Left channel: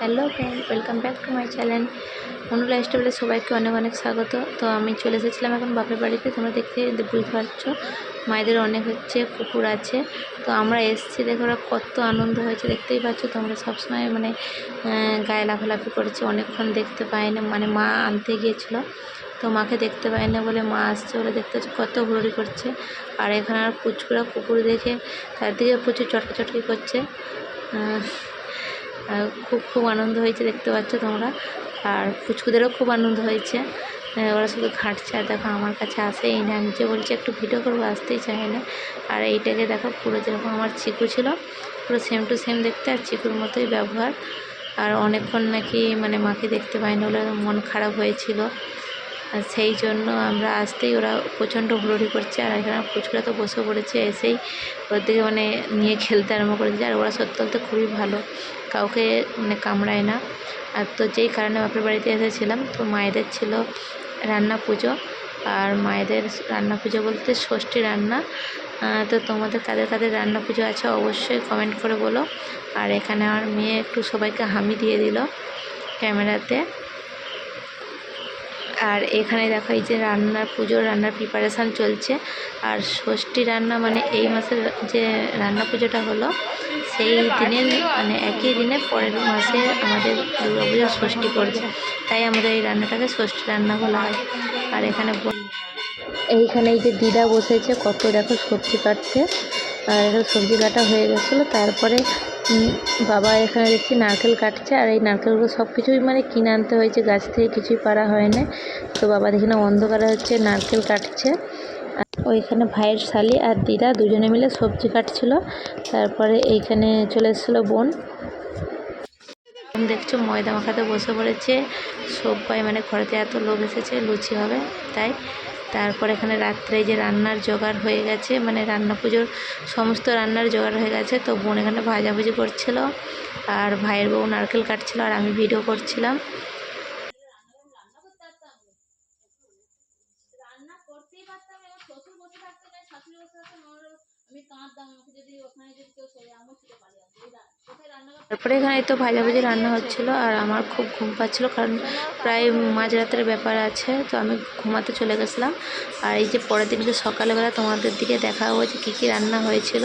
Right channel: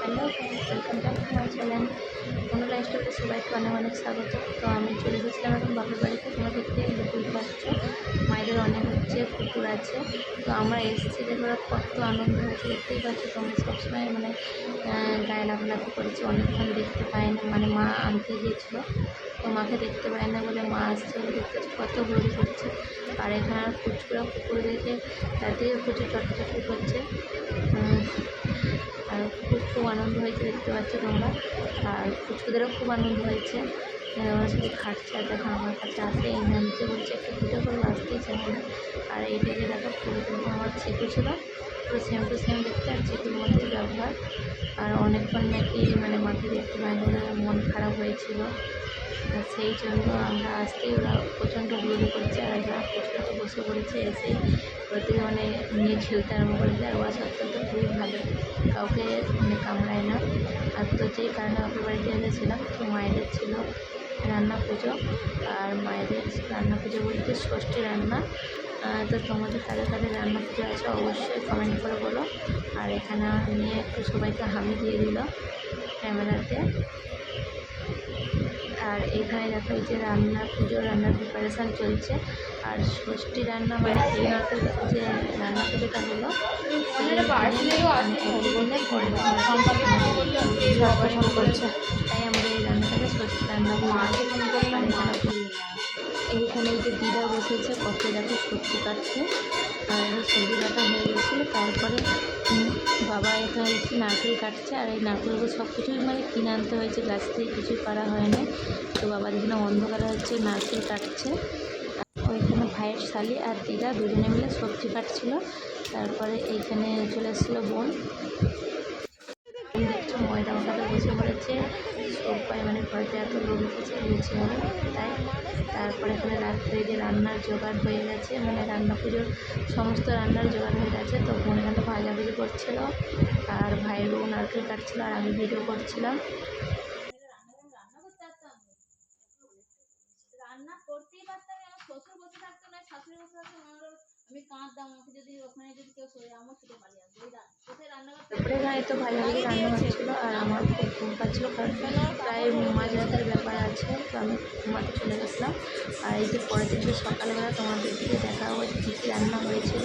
Hello friend, welcome back to my channel Manu লাইফস্টাইলে সবাইকে অনেক অনেক স্বাগত। তো আমি চলে এসেছিলাম এখন বাপের বাড়িতে। তোমরা দেখতে বুঝতে পারছো মায়েদের অনেক কুকুর আছে। তো আমরা এসেছি, দেখো ওরা কত আনন্দ হয়েছে, দেখতেই পাচ্ছ তোমরা। সবসময় গায়ে লাফালাফি করেছে, অনেকক্ষণ দেখতে পায় না, মা আনতে গিয়েছিলো তো মাকে দেখতে পায় না বলে মা আসছে বলে দেখতে পাচ্ছি কত ঘুরি করছে। আর এখানে আর পুচকুরা কুকুর দেখে চারদিকে প্রচুর চটকাচটকি করছে। খুব খুব আনন্দ হয়েছে, দেখতে পাচ্ছ তোমরা। আর পুচকুদেরও খুব আনন্দ হয়েছে, ওরা শুধু খাটছে। আর দেখো আমার কাছে আসেই না, আমি যে বলছি একটু ভিডিও করবো আসতেই চায় না। আর এইটাকে দেখো পুরো যেরকম আমার চিকু ছিল, পুরো সেম টু সেম দেখতে, আর চিকুর মতোই ব্যবহার। আর অনেকক্ষণ নাকি মাকে দেখতে পাই না বলে মন খারাপ হয়েছিল, সেই জন্য আমরা আসতেই ওরা প্রচণ্ড হুড়োড়ি করছে। আর এখানে পুচকুরা তো বসে পড়েছে, এসেই ওর দিকে নিয়ে খেলতে আরম্ভ করেছে। আর ওরা সত্যি বলতে খুবই ভালো, কাউকে কামড়ায় না। আর তো যেই কারণে বাপের বাড়িতে এসেছিলাম, তো মায়েদের ছিল রান্না পুজো। আর মায়েদের রান্না পুজো বলতে ষষ্ঠী রান্না। তো তোমাদের কাদের কাদের রান্না পুজো আছে অবশ্যই কমেন্ট করে বলো। আর এখানে আমার মেয়ে একটু সবাইকে হামি দিয়ে দিল ক্যামেরাতে। আর এখানে দেখো এই যে রান্নার প্রিপারেশান চলছে। আর ষষ্ঠী রান্না এই মাসের যে রান্না পুজোটা হলো, সেই দিনের একই দিনের পরের মাসে আমাদের দুর্গাপুজোর ষষ্ঠী পড়ছে, তাই আমাদের এই রান্নাটাকে ষষ্ঠী রান্না বলা হয়। আর এইখানে এই যে দিদা বসেছে, কত দেখো সবজি কাটছে। আর সবজি কাটা হয়ে গেছিলো, তারপরে বাবা এখানে দেখছি নারকেল কাটছে। আর এই নারকেলগুলো সব কিছুই কিনে আনতে হয়েছে, গাছ থেকে কিছুই পারা হয় না। তো বাবা এখানে অন্ধকারে নারকেল কাটছে। ওইখানে ভাইয়ের শালি আর দিদা দুজনে মিলে সবজি কাটছিল। তারপরে এইখানে চলে এসেছিলো বোন। দেখছো ময়দা মাখাতে বসে পড়েছে সবাই, ঘরেতে এত লোক এসেছে, লুচি হবে তাই। তারপর এখানে রাত্রে যে রান্নার জোগাড় হয়ে গেছে, রান্না পুজোর সমস্ত রান্নার জোগাড় হয়ে গেছে। তো বোন এখানে ভাজাভুজি করছিল, আর ভাইয়ের বউ নারকেল কাটছিল, আর আমি ভিডিও করছিলাম। তারপরে এখানে তো ভাজাভুজি রান্না হচ্ছিলো, আর আমার খুব ঘুম পাচ্ছিলো, কারণ প্রায় মাঝরাতের ব্যাপার আছে। তো আমি ঘুমাতে চলে গেছিলাম। আর এই যে পরের দিনকে সকালবেলা তোমাদের দিকে দেখা হয়েছে কী কী রান্না হয়েছিল।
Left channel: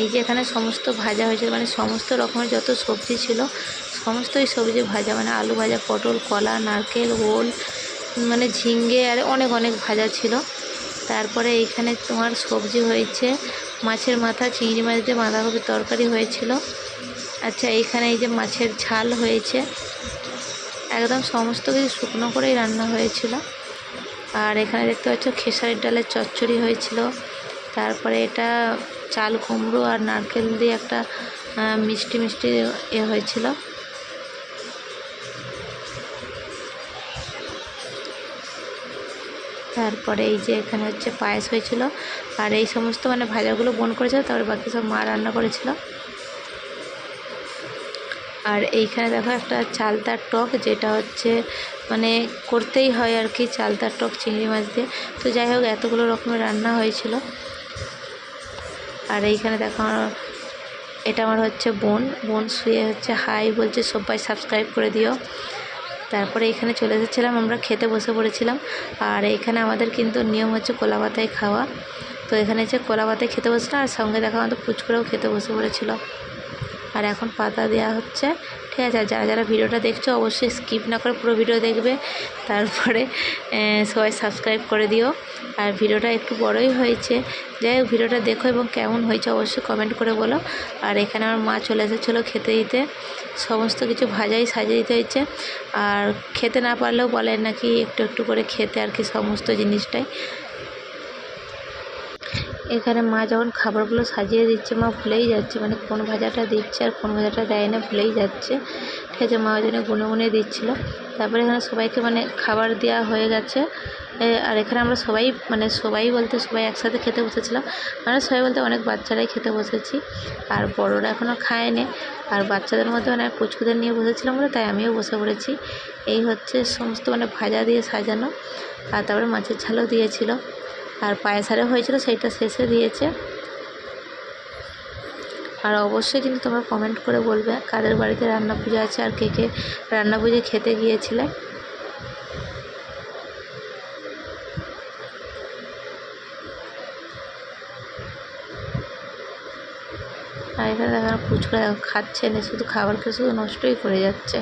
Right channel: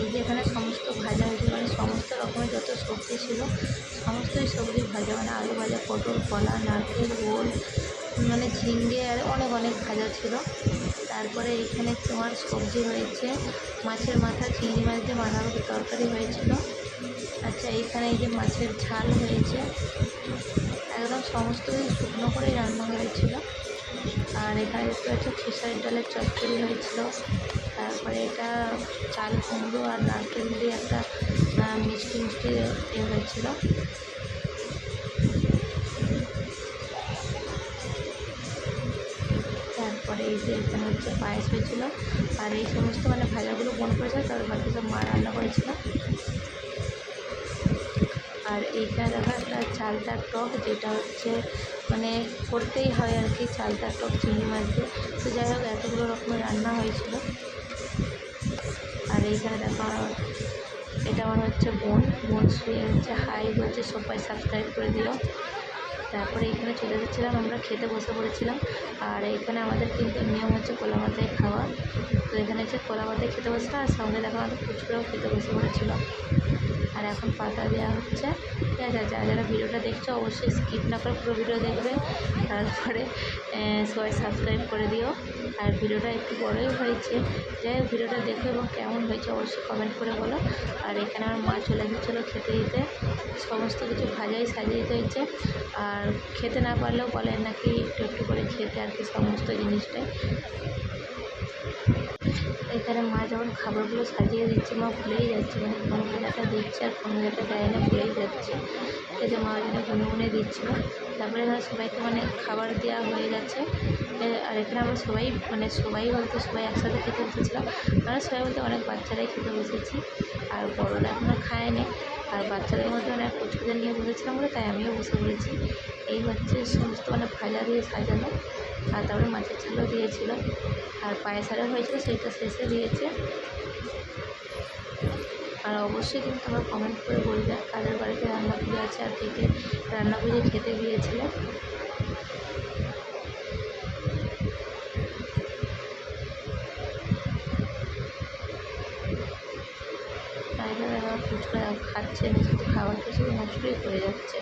এই যে এখানে সমস্ত ভাজা হয়েছিল, সমস্ত রকমের যত সবজি ছিল সমস্তই সবজি ভাজা, আলু ভাজা, পটল, কলা, নারকেল, ওল, ঝিঙ্গে, আর অনেক অনেক ভাজা ছিল। তারপরে এইখানে তোমার সবজি হয়েছে মাছের মাথা, চিংড়ি মাছ দিয়ে বাঁধাকপির তরকারি হয়েছিল। আচ্ছা, এইখানে এই যে মাছের ঝাল হয়েছে, একদম সমস্ত কিছু শুকনো করেই রান্না হয়েছিল। আর এখানে দেখতে পাচ্ছ খেসারির ডালের চচ্চড়ি হয়েছিল। তারপরে এটা চাল কুমড়ো আর নারকেল দিয়ে একটা মিষ্টি মিষ্টি হয়েছিল। তারপরে এই যে এখানে পায়েস হয়েছিল। আর এই সমস্ত ভাজাগুলো বোন করেছিল, তারপরে বাকি সব মা রান্না করেছিল। আর এইখানে দেখো একটা চালতার টক, যেটা করতেই হয় আর কি, চালতার টক চিংড়ি মাছ দিয়ে। তো যাই হোক, এতগুলো রকমের রান্না হয়েছিল। আর এইখানে দেখো এটা আমার বোন শুয়ে হাই বলছে, সবাই সাবস্ক্রাইব করে দিও। তারপরে এখানে চলে এসেছিলাম, আমরা খেতে বসে পড়েছিলাম। আর এইখানে আমাদের কিন্তু নিয়ম হচ্ছে কলা পাতায় খাওয়া। তো এখানে কলা পাতায় খেতে বসেছিলাম, আর সঙ্গে দেখো আমাদের পুচকুরাও খেতে বসে পড়েছিল। আর এখন পাতা দেওয়া হচ্ছে, ঠিক আছে। যারা যারা ভিডিওটা দেখছো অবশ্যই স্কিপ না করে পুরো ভিডিও দেখবে, তারপরে সবাই সাবস্ক্রাইব করে দিও। আর ভিডিওটা একটু বড়ই হয়েছে, যাই হোক ভিডিওটা দেখো এবং কেমন হয়েছে অবশ্যই কমেন্ট করে বলো। আর এখানে আমার মা চলে এসেছিলো খেতে দিতে, সমস্ত কিছু ভাজাই সাজিয়ে দিতে হয়েছে। আর খেতে না পারলেও বলে নাকি একটু একটু করে খেতে আর কি, সমস্ত জিনিসটাই। এখানে মা যখন খাবারগুলো সাজিয়ে দিচ্ছে, মা ভুলেই যাচ্ছে কোন ভাজাটা দিচ্ছে আর কোন ভাজাটা দেয় না, ভুলেই যাচ্ছে, ঠিক আছে। মা ওই জন্য গুনে গুনে দিচ্ছিলো। তারপরে এখানে সবাইকে খাবার দেওয়া হয়ে গেছে। আর এখানে আমরা সবাই সবাই বলতে সবাই একসাথে খেতে বসেছিলাম, সবাই বলতে অনেক বাচ্চারাই খেতে বসেছি, আর বড়রা এখনও খায়নি। আর বাচ্চাদের মধ্যে পুচকুদের নিয়ে বসেছিলাম বলে তাই আমিও বসে পড়েছি। এই সমস্ত ভাজা দিয়ে সাজানো। আর তারপরে মাছের ঝালও দিয়েছিল, আর পায়েস আরও হয়েছিল, সেইটা শেষে দিয়েছে। আর অবশ্যই কিন্তু তোমরা কমেন্ট করে বলবে কাদের বাড়িতে রান্না পুজো আছে আর কে কে রান্না পুজো খেতে গিয়েছিলে। আর এখানে দেখো ফুচকা খাচ্ছে না, শুধু খাবার খেয়ে শুধু নষ্টই করে যাচ্ছে।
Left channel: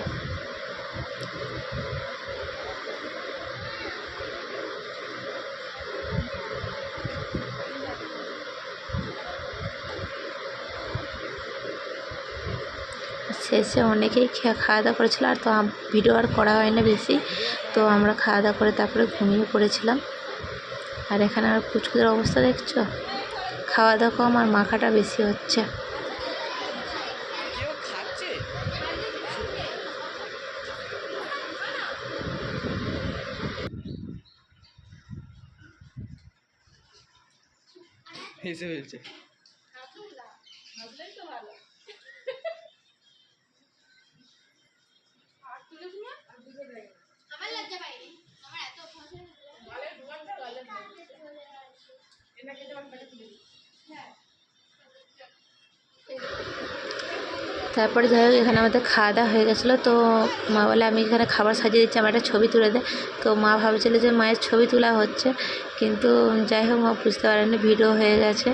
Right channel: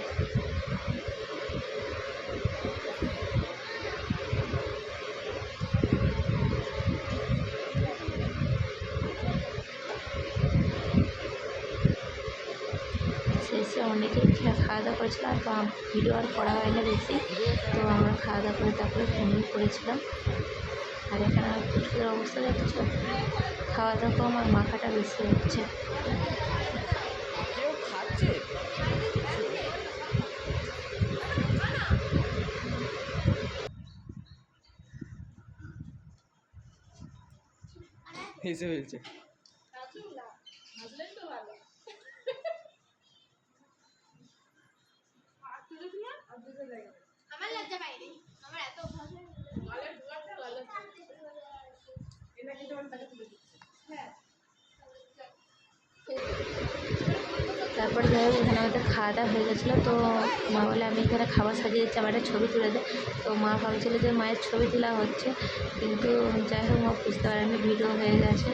শেষে অনেকেই খাওয়া দাওয়া করেছিল, আর তো ভিডিও আর করা হয় না বেশি, তো আমরা খাওয়া দাওয়া করে তারপরে ঘুমিয়ে পড়েছিলাম। আর এখানে আর ফুচকাদের অবস্থা দেখছো, খাওয়া দাওয়া কম আর মাখাটা বেশি হচ্ছে। হেসে ফেলছে। আমার লজ্জা পাইনি, আমার এত অভ্যাস হয়ে তারপরে যাই হোক এখানে আমাদের খাওয়া দাওয়া হয়ে গেছিলো, তো মা বলে আমি এখানে খাবার সাজিয়ে দিচ্ছি, আমার একটা ছবি তুলে দে। তো মা ভাবছিল যে মায়ের ছবি তোলা হচ্ছে, কিন্তু যাই হোক মা বুঝতে পারেনি ভিডিও হয়ে গেছে।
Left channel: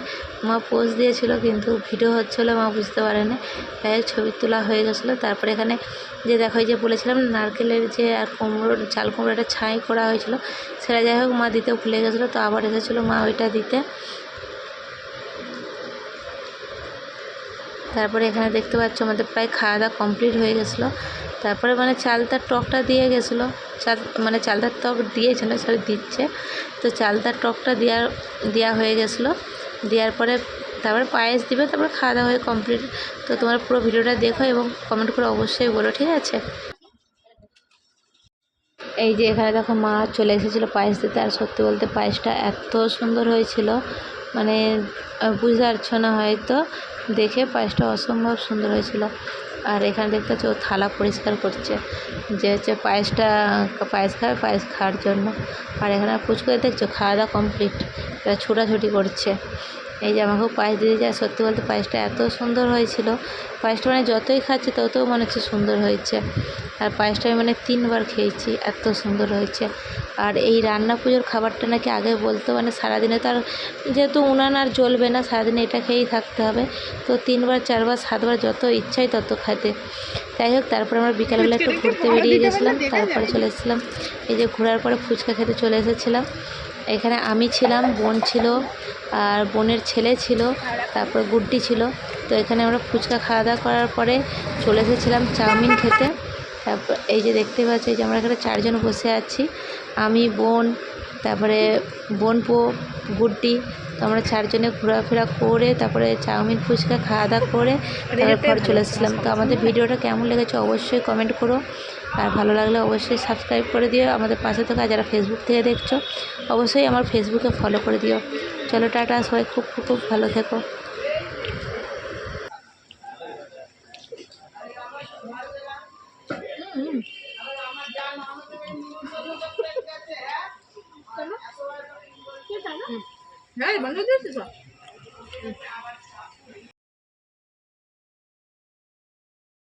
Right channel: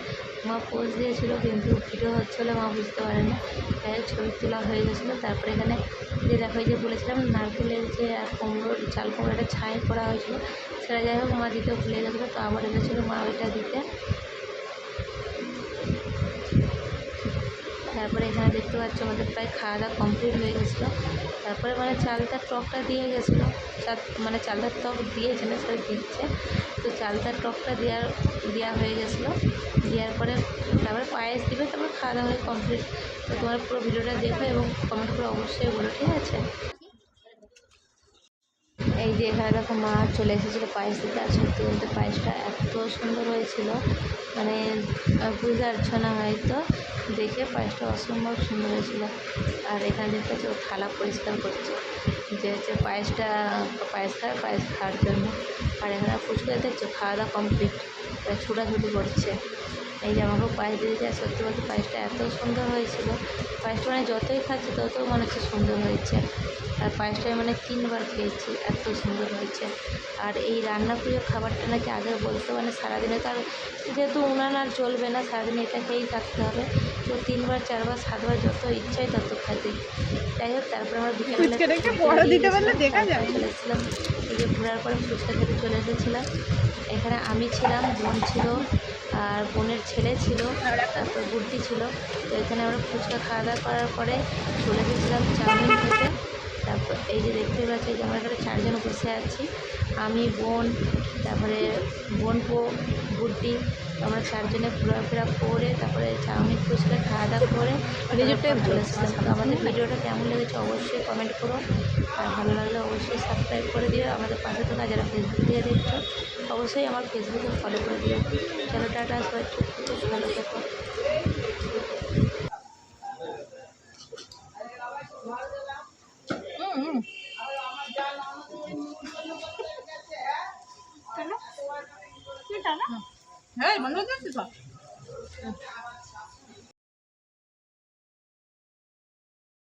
মা পোজ দিয়েছিল কিন্তু ভিডিও হচ্ছিলো, মা বুঝতে পারেনি। যাই হোক ছবি তোলা হয়ে গেছিলো। তারপরে এখানে যে দেখো যে বলেছিলাম নারকেলের যে আর কুমড়োর চাল কুমড়োটা ছাই করা হয়েছিল, সেটা যাই হোক মা দিতে ভুলে গেছিলো, তো আবার এসেছিলো মা ওইটা দিতে। তারপরে এখানে দেখতে পাচ্ছ আমাদের প্রায় খাওয়া দাওয়া কমপ্লিট হয়ে গেছিলো। তারপরে মানে চালতার টকটা দিয়ে গেছিলো, মানে চালতার টক দিয়েছে না, সরি দিচ্ছে। তো চালতার টকটা দেওয়া হয়ে গেছিলো, দেওয়ার পরে তারপরে পায়েস দিবে, তারপরে খাওয়া দাওয়া হয়ে কমপ্লিট। তো তোমার পুরো ভিডিওটা দেখো এবং কমেন্ট করে অবশ্যই বলো, ঠিক আছে। এই যে এখানে দেখো মা চলে এসেছিলো পায়েস দিতে, আর সত্যি বলতে পায়েসটা এত সুন্দর হয়েছিল, মানে বুঝতে পারছো না হয়তো দেখে, পায়েসটা অসম্ভব সুন্দর হয়েছিল। আর এখানে দেখতে হচ্ছে ও থালা পরিষ্কার করছে, যে হচ্ছে পায়েস খাবে, পায়েস খাওয়ার জন্য। আর এখানে ফুচকা দেখছো খাওয়া দাওয়া কমপ্লিট, এরা ছোটাছুটি করছে। এই যে আমাকেও পায়েস দিয়ে যায়, সত্যি বলতে পায়েসটা এত সুন্দর হয়েছিল, পায়েসটা মানে যতই খাচ্ছি তত মনে হচ্ছে সুন্দর হয়েছে। আর পায়েসটা আমি মানে 3বার খেয়েছি, এত সুন্দর হয়েছে। আর এই রান্না পুজোর খাবারটা নাকি আগে বলতো মানে সারাদিনে তার যেহেতু উনান আর জ্বলবে না, সারাদিনে এটা খেয়েই থাকতে হবে, তো 3বার 4বার 7বার যত ইচ্ছাই তত খেতে। যাই হোক তারপরে আমরা বিকালবেলা একটু ঘুরতে বেরিয়ে গেছিলাম, তারপরে চলে এসেছিলাম এই যে ঘোরার পরে ফুচকা খেতে চলে এসেছিলাম। এখানে আমি ছিলাম, বোন ছিল, আর বোনের ছেলে ছিল, তারপর গুড্ডি ছিল। তো এখানে আমরা ফুচকা খাওয়া দাওয়া করার পরে চলে এসেছিলাম চাউমিন খেতে। তারপর এই যে দেখতে পাচ্ছি যে আমরা এখানে 4জন বসে আছি, আমি, বোন, তারপরে বোনপো, গুড্ডি। তো আমরা 4জনে ঘোরাফেরা করে তারপরে চাউমিন ফুচকা খাওয়া দাওয়া করে তারপর চলে এসেছিলাম। তো আমাদের ভিডিওটা কেমন লেগেছে অবশ্যই কমেন্ট করো, আর ভালো লাগলে অবশ্যই সাবস্ক্রাইব করে দিও আমাদের পাশে থেকে। যারা ফেসবুক থেকে দেখছো অবশ্যই আমার ফেসবুকে ফলো করে দিও। চলো টাটা, সবাই খুব খুব ভালো থেকো। হ্যাঁ বন্ধ দিয়েছিস।